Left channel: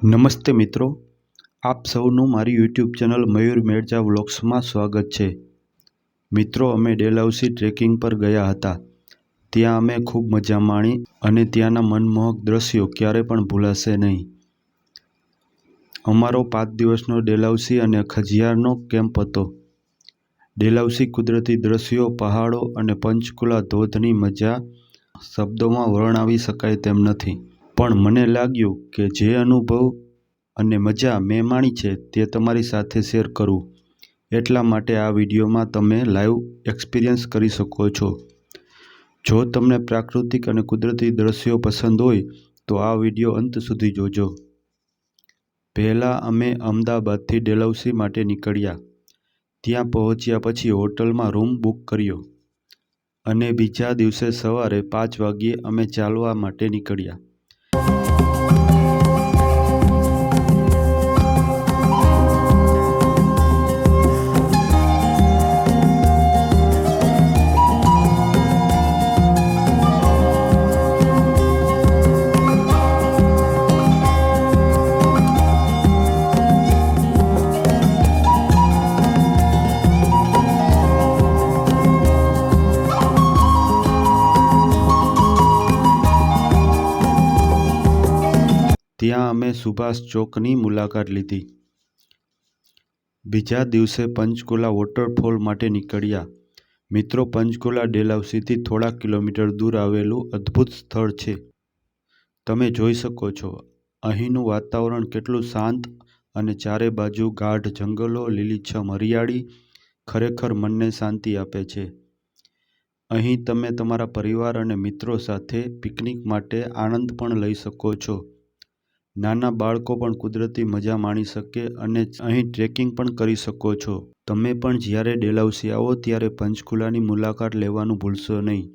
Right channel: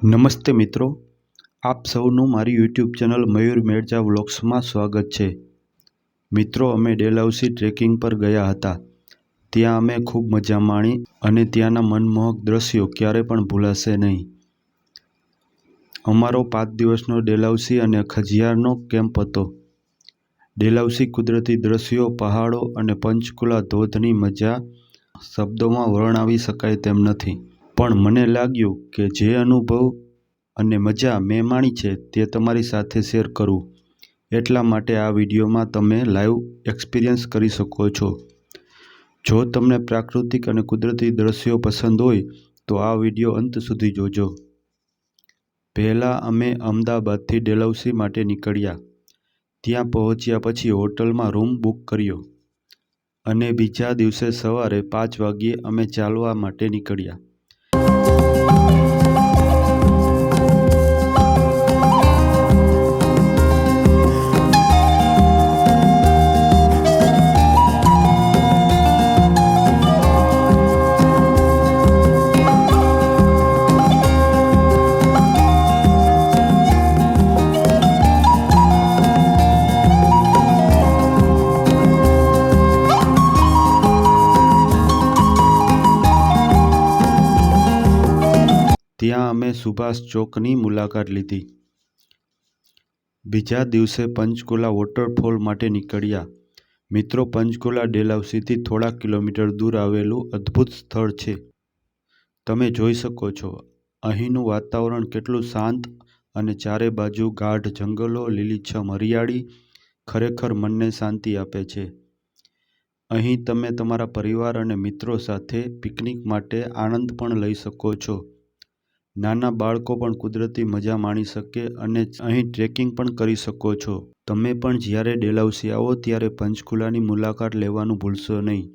નમસ્તે મિત્રો, આપ સૌનું મારી યુટ્યુબ ચેનલ મયુર મેરજા વ્લોગ્સમાં સ્વાગત છે। મિત્રો, અમે ડેલહાઉસી ટ્રેકિંગ પર ગયા હતા। ત્યાં અમે ખૂબ મજા માણી અને ત્યાંના મનમોહક દ્રશ્યો ક્યારે પણ ભૂલાશે નહીં। અમારો 5 દિવસનો ડેલહાઉસી અને ખજિયારનો કેમ્પ હતો। ડેલહાઉસી કુદરતી દ્રશ્યો, પહાડો અને પંચકુલા ધોધની મજા શબ્દોમાં વર્ણવી શકાય તેમ નથી, પણ મને લાગ્યું કે જે અનુભવ અને મજા મેં માણી છે તે તમારી સાથે શેર કરું, એટલા માટે આ વિડીયોમાં તમે લાઈવ એક્સપિરિયન્સ કરી શકો છો। જો તમને પ્રાકૃતિક અને કુદરતી દ્રશ્યો પસંદ હોય તો આ વિડીયો અંત સુધી જોજો। પહેલાં અમે અમદાવાદથી ડેલહાઉસી માટે નીકળ્યા। ત્યાં પહોંચ્યા પછી હોટલમાં રૂમ બુક કર્યો અને બીજા દિવસે સવારે 5 વાગ્યે અમે ચાલવા માટે નીકળ્યા। ત્યાં અમે સુભાષ ચોકની મુલાકાત લીધી। બીજા દિવસે પંચકુલા વોટરફોલ માટે નીકળ્યા। મિત્રો, પંચકુલા ડેલહાઉસીથી થોડા કિલોમીટર દૂર આવેલું અદ્ભુત સ્થળ છે। તમે જોઈ શકો છો અહીંનું વાતાવરણ કેટલું શાંત અને ચારે બાજુ ગાઢ જંગલો, લીલીછમ હરિયાળી ખરેખર મનને શાંતિ આપે છે। અહીં તમે તમારા પરિવાર અને મિત્રો સાથે પિકનિક માટે આનંદ પણ લઈ શકો છો। નાના બાળકો પણ કુદરતી મજા માણી શકે અને અહીં ટ્રેકિંગ પણ કરી શકો છો। તમે પણ જ્યારે ડેલહાઉસી આવો ત્યારે પંચકુલાની મુલાકાત લેવાનું ભૂલશો નહીં।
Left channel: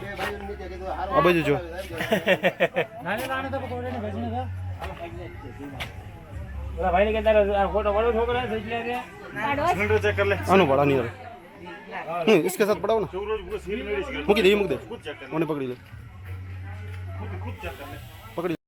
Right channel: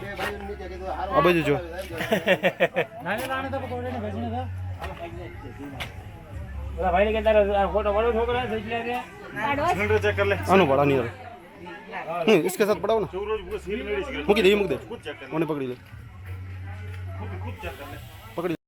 આ બાજુ જો આનું ભાડા નહીં આવે इसके साथ पढ़ाओ ना મૂકી દે મૂકી દે મને પકડી લે પકડી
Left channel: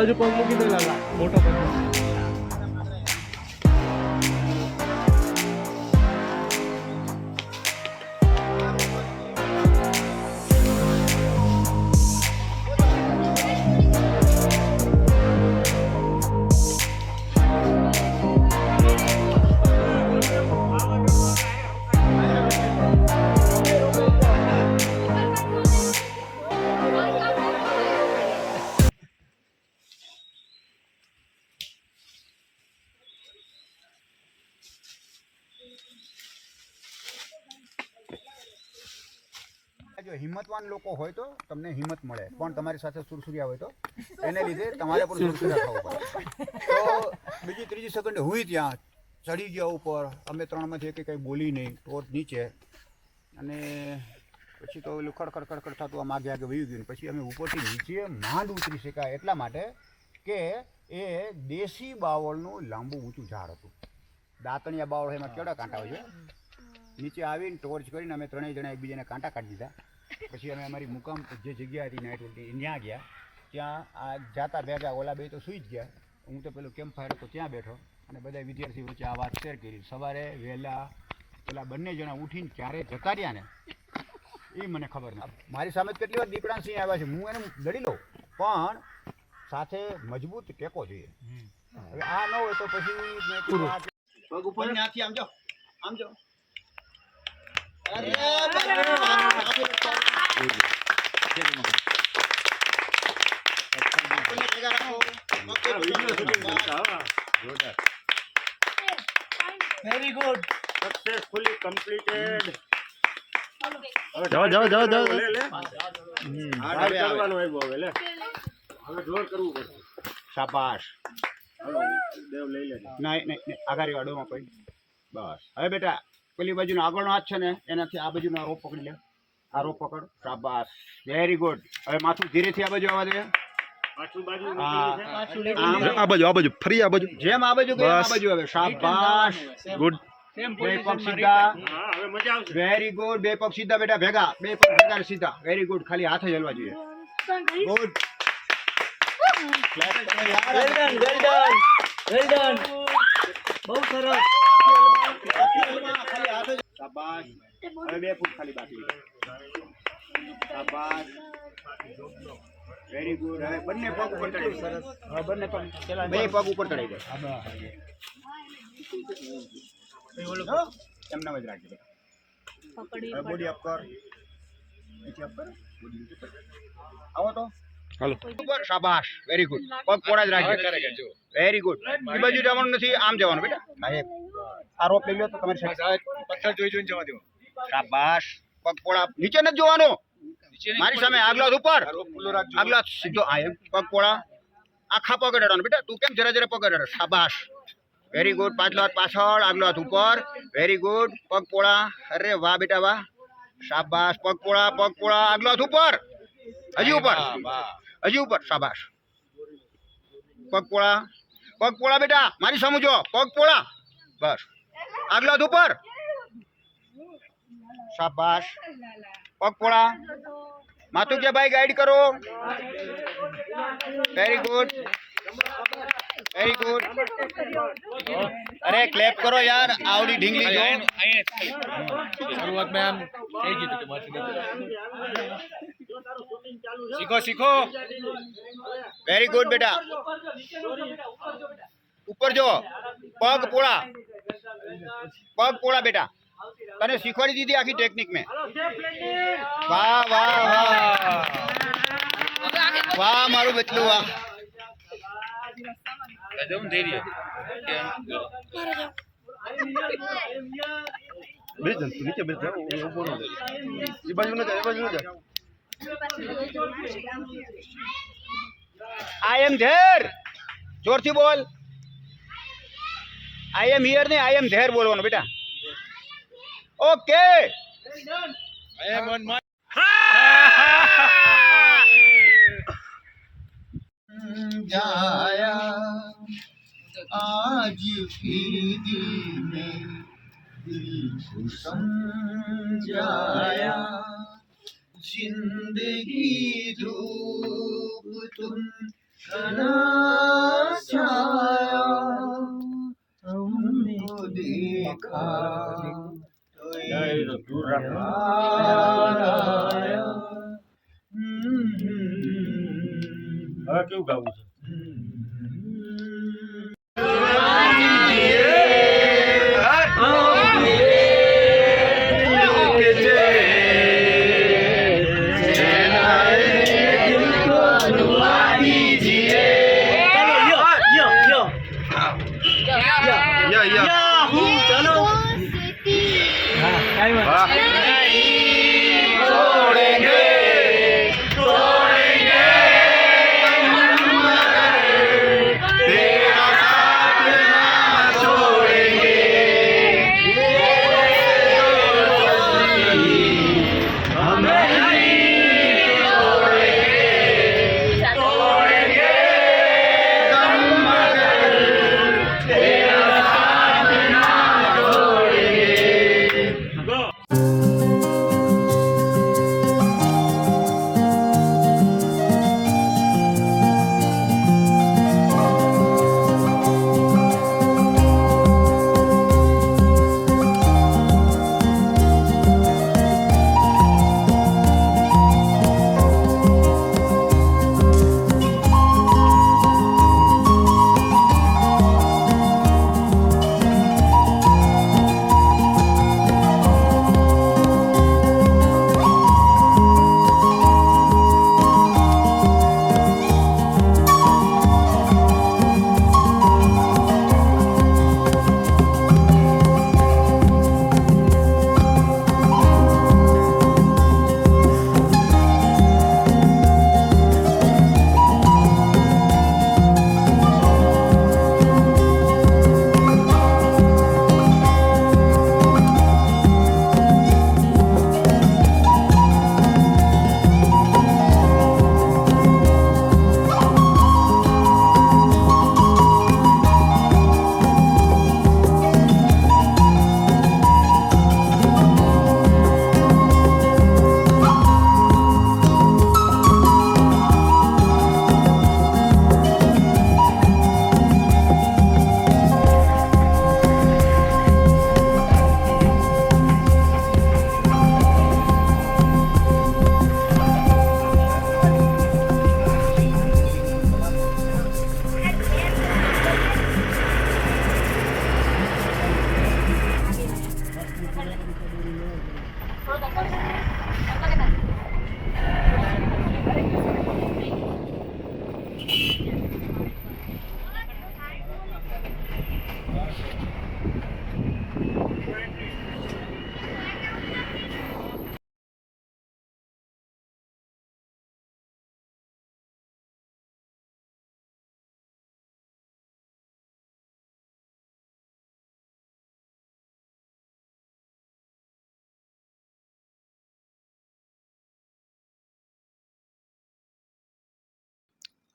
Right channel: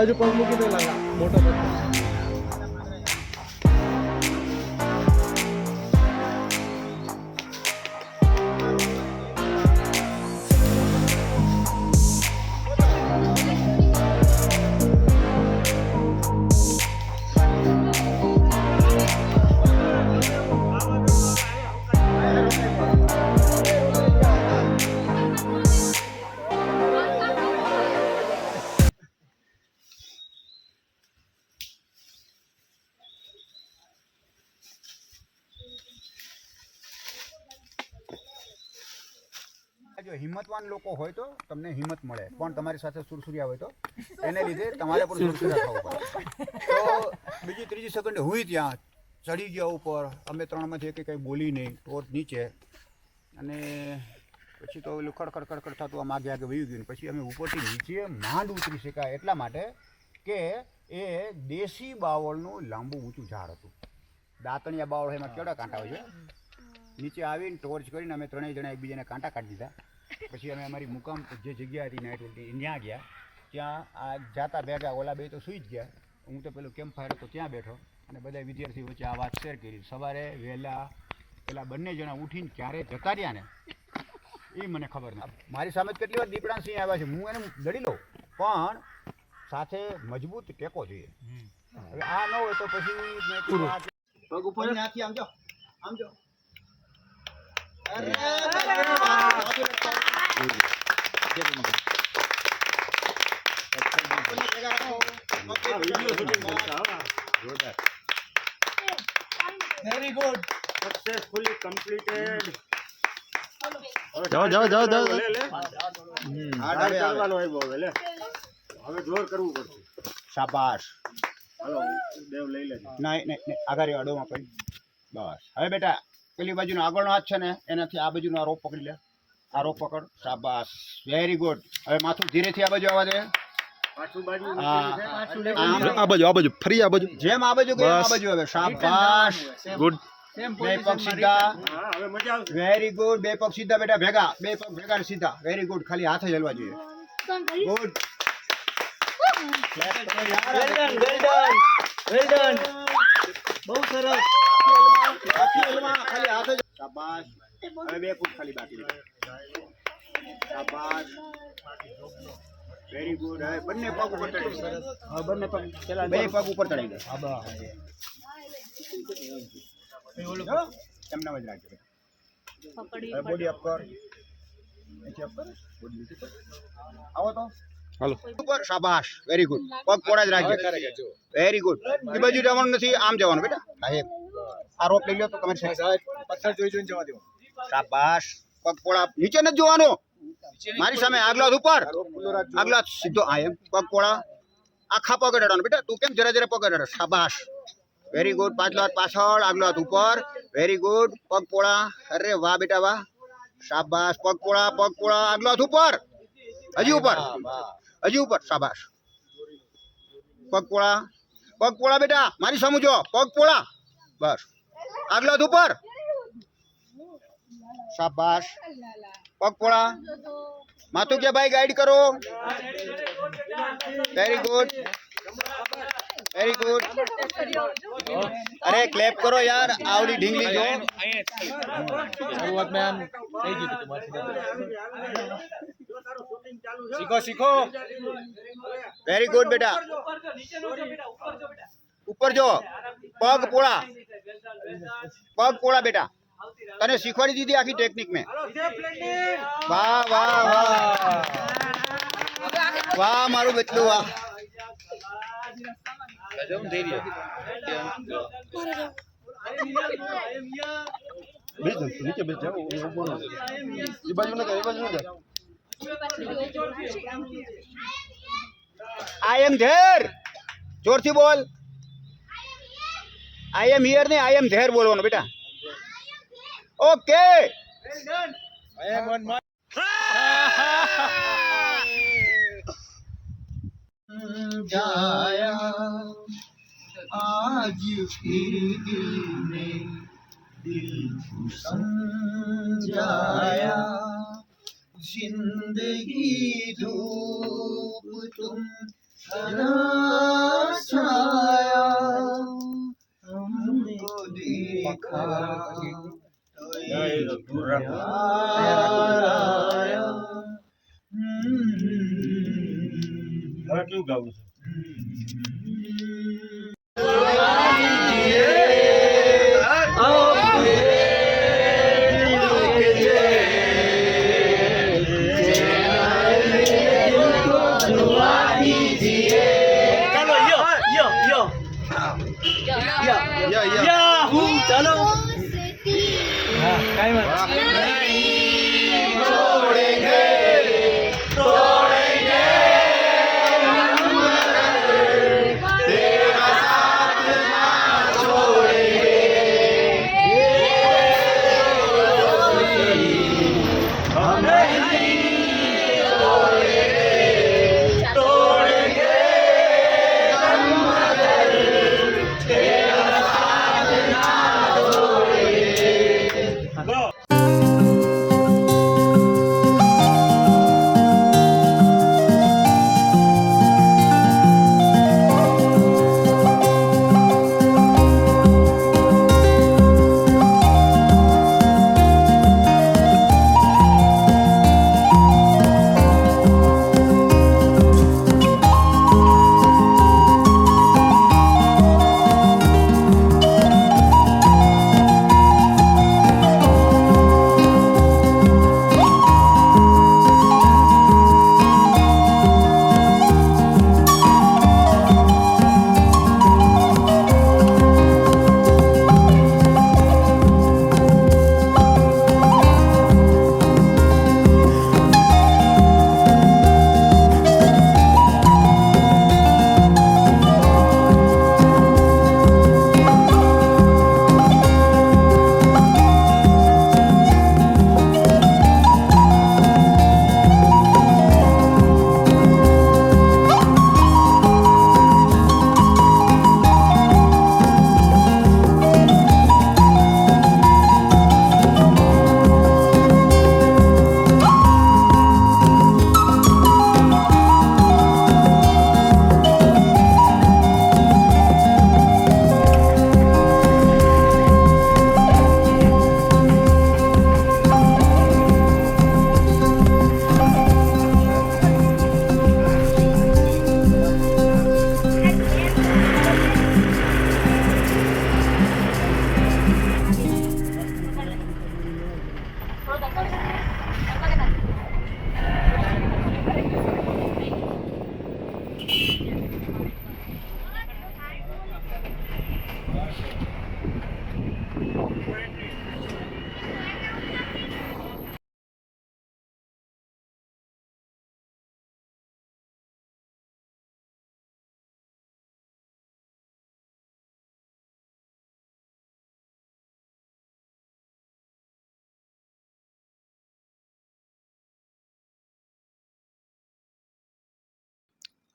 બાજુ પગ મૂકી દે લાલા મોટા પગ. જો હિંમતવાન લોકો હોય તો તમને હિંમત મળે, પણ તમારી સાથે સુરસુરિયા હોય તો એને લીધે તમારે પણ સુરસુરિયા થવું પડે. તો બીજી ત્રીજી સેકન્ડે હું ત્યાં ચડી ગયા ઉપર, અમે ત્રણમાંથી એક કંઈ બોલી નહીં, ટોચ નીચે, અને પછી તો પેલું ખડખડ થતું આમ આગે વહી ગયું. પછી અમે ઉપરથી નીચે માંડ ઉતરી શકાય એટલા માટે કે એ દેશી બાવળનું લાંબુ ઊંચું ઝાડ હતું. દાંતણિયા બાવળ એમાં કેવડા કાંટા હોય છે. નીચે આવીને ટોર્ચ કરીને અમે ત્રણેય જણા એકબીજાને કાંટા કાઢી દીધા. પછી અમે અમારી મુકામ જે જગ્યા હતી નાઇટ હોલ્ડની ત્યાં ગયા. ત્યાં આ જાતા ભેગા ઓલા બે તો સૂઈ જ ગયા. હું તો પેલું કેમ્પ ફાયર હતો ત્યાં બેઠો અને બધા વિદ્યાર્થીઓ વચ્ચે આ વાત શેર કરી. સવારે વહેલા પેલા બંને જણા ઉઠીને ક્યારે જતા રહ્યા ને એ મને ખબર નથી. મારી સામે કેટલી વાર દીપડા સિંહ આવ્યા છે, હું એને લડી લઉં, પણ સાથે મજબૂત ટેકો જોઈએ. હવે આ ન હોય તો પછી ઉપર નાથી આમ જાઓ, આમ જાઓ. Very good, successfully completed. જાઓ જાઓ જાઓ જાઓ. હવે જોર કરવું પડશે. શાબાશ. હાલો દેવ લઈ લે. નહીં આગળ અડોમાં પડી. બસ હવે બેટા પેલી બાજુનો આગળનો હાથ છે ને એનાથી આ બાજુનો આ રોપ પકડી લે. આ રોપ પકડ. શાબાશ, વેરી ગુડ. હવે માથું ધીરેથી આ બાજુ આવવા દે. પાછું બાજુ આ બાજુ ફરી આ બાજુ. જેમ આ બાજુ ગયું આ બાજુ. હવે શાબાશ, ગુડ. બે પગ સીધા. હા હવે મજા આવશે. Very good. બે પગ સીધા બેટા, ભેગા. બે પગ ભેગા સીધા. Very good. ખાલી હાથ જ હલવા જોઈએ. ગુડ. બહુ સરસ. ખાલી હાથ જ. શાબાશ. હવે બે ફૂટ ખાલી બાકી. શાબાશ, વેરી ગુડ. હવે બંને પગ ઉપર ચડાવી દે. બંને પગ બે પગ ઉપર ચડાવી દે. એમના જ રાખજો બેટા. હવે બોડી અપ કર. નીચે અપ કર. બોડી નીચે કર. આવો તો હાલો. ઉપર. શાબાશ, વેરી ગુડ. પગ પોડા જ રાખજો. Very good. એ બાજુ જવાનું નથી, આમ જવાનું બેટા. આ રોપ લઈ લો તો તમારી સાથે પથ્થર જોઈને જવા દો. શાબાશ. પગ પોળા. નીચે નથી જોવાનું, મારી સામે. આગલો હાથ ઉપર, આગલો હાથ સીધો. આ એમ. પગ પોળા. આખા પગ અડાડવાનો બેટા. તું કેમ જરા જરા પગ અડાડે. શાબાશ, વેરી ગુડ. પાછલો હાથ પાછળ, આગલો હાથ ઉપર. Very good. પગ પોળા. અરે વાહ બેટા વાહ. શાબાશ. પગ પોળા, પગ પોળા. આગલો હાથ ઉપર. હજી ઉપર, હજી ઉપર. શાબાશ. પગ પોળા, પગ પોળા બેટા. મારી સામે જો. પગ પોળા. બસ. આગલો હાથ ઉપર. શાબાશ. પગ પોળા. માથું કે ભાઈ ગાઈડ કરો. Very good, very good. અરે ક્લેપ કરો યાર. આવડી ઢીંગલી જો. શરૂઆતમાં આમ થઈ ગયું કે મારથી શીખો શીખો. વેરી ગુડ બેટા. ઉપર જો. પગ પોળા, પગ પોળા બેટા. તને શીખવાડી દીધી આખી ટેકનિક મેં. વાહ વાહ વાહ વાહ મારું બચલું વાહ. બેસ જા, નીચે બેસ જા. ઊભો ન જાય. એ બાજુ ન જાય, એ બાજુ ન જાય. આઈ એમ ધેર. જોરથી બોલ. આઈ એમ હિયર ને આઈ એમ ધેર બોલવાનું બેટા. Okay. I am on my आज फिर दिल में दिल को समझाया. जिंदगी धूप तुम હવે કેવું ગાવું છે?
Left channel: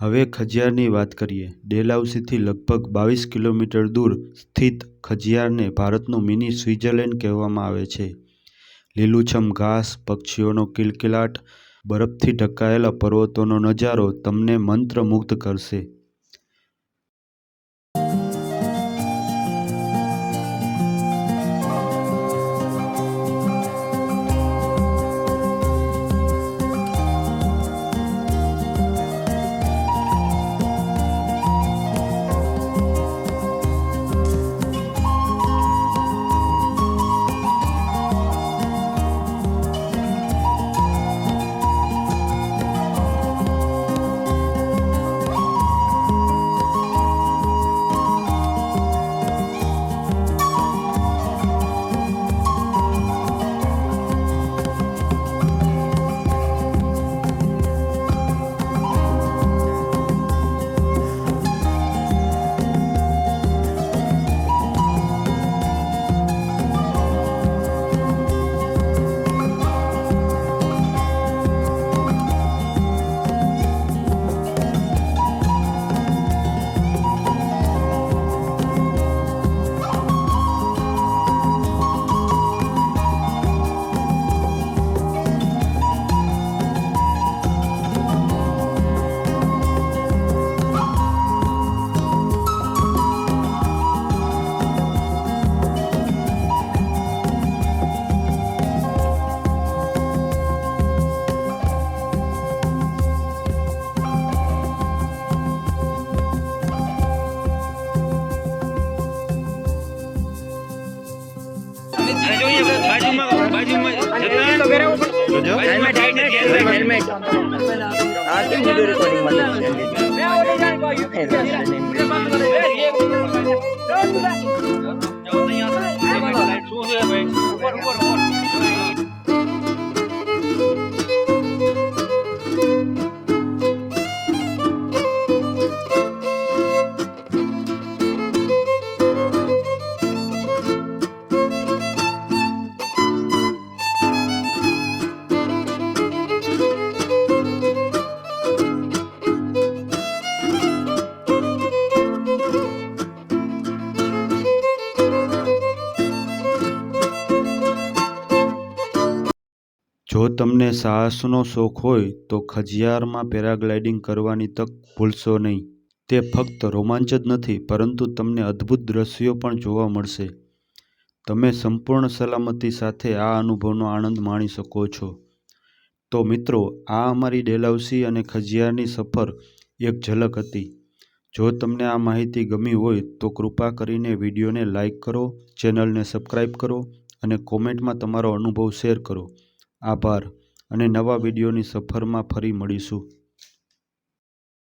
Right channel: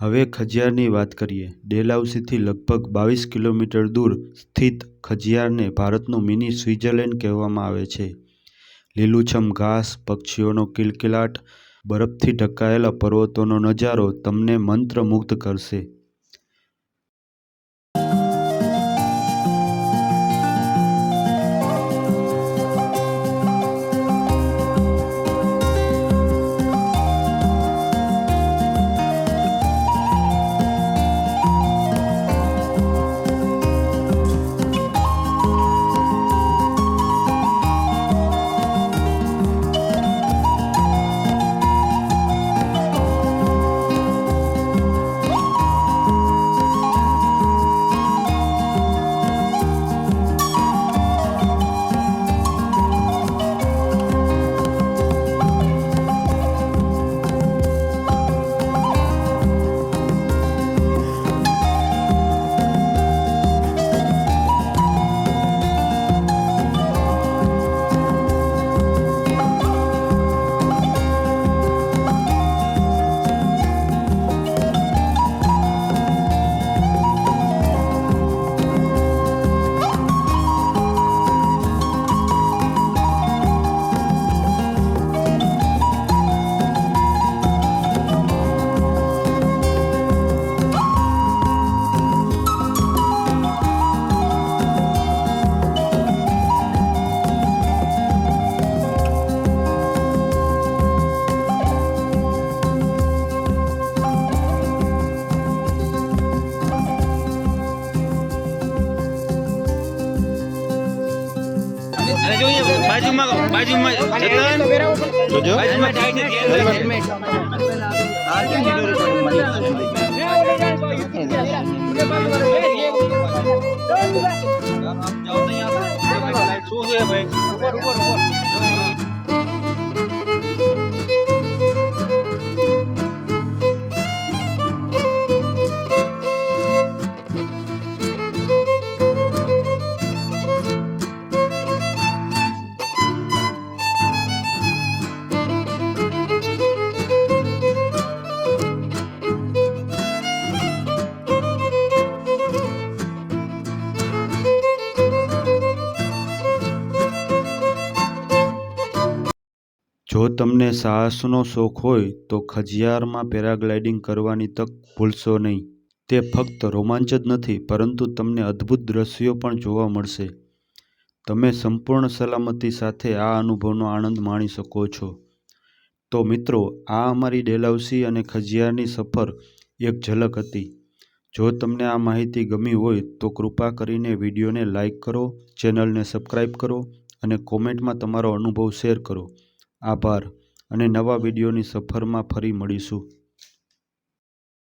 હવે ખજિયારની વાત કરીએ. ડેલહાઉસીથી લગભગ 22 કિલોમીટર દૂર સ્થિત ખજિયારને ભારતનું મિની સ્વિટ્ઝરલેન્ડ કહેવામાં આવે છે. લીલુંછમ ઘાસ, પક્ષીઓનો કિલકિલાટ, બરફથી ઢંકાયેલા પર્વતોનો નજારો તમને મંત્રમુગ્ધ કરશે. જોજો. જો તમને સાહસનો શોખ હોય તો ખજિયારમાં પેરાગ્લાઇડિંગ કરવાની તક ભૂલશો નહીં. તે ફક્ત રોમાંચ જ નથી પરંતુ તમને અદ્ભુત દ્રશ્યો પણ જોવા મળશે. તમે સંપૂર્ણ સલામતી સાથે આ અનુભવનો આનંદ માણી શકો છો. તો મિત્રો, આ અમારી ડેલહાઉસી અને ખજિયારની સફર એક ઝલક હતી. જો તમને આ માહિતી ગમી હોય તો કૃપા કરીને વિડીયોને લાઇક કરો, ચેનલને સબસ્ક્રાઈબ કરો અને કોમેન્ટમાં તમારો અનુભવ શેર કરો. આભાર અને નવા વિડીયોની સફરમાં ફરી મળીશું.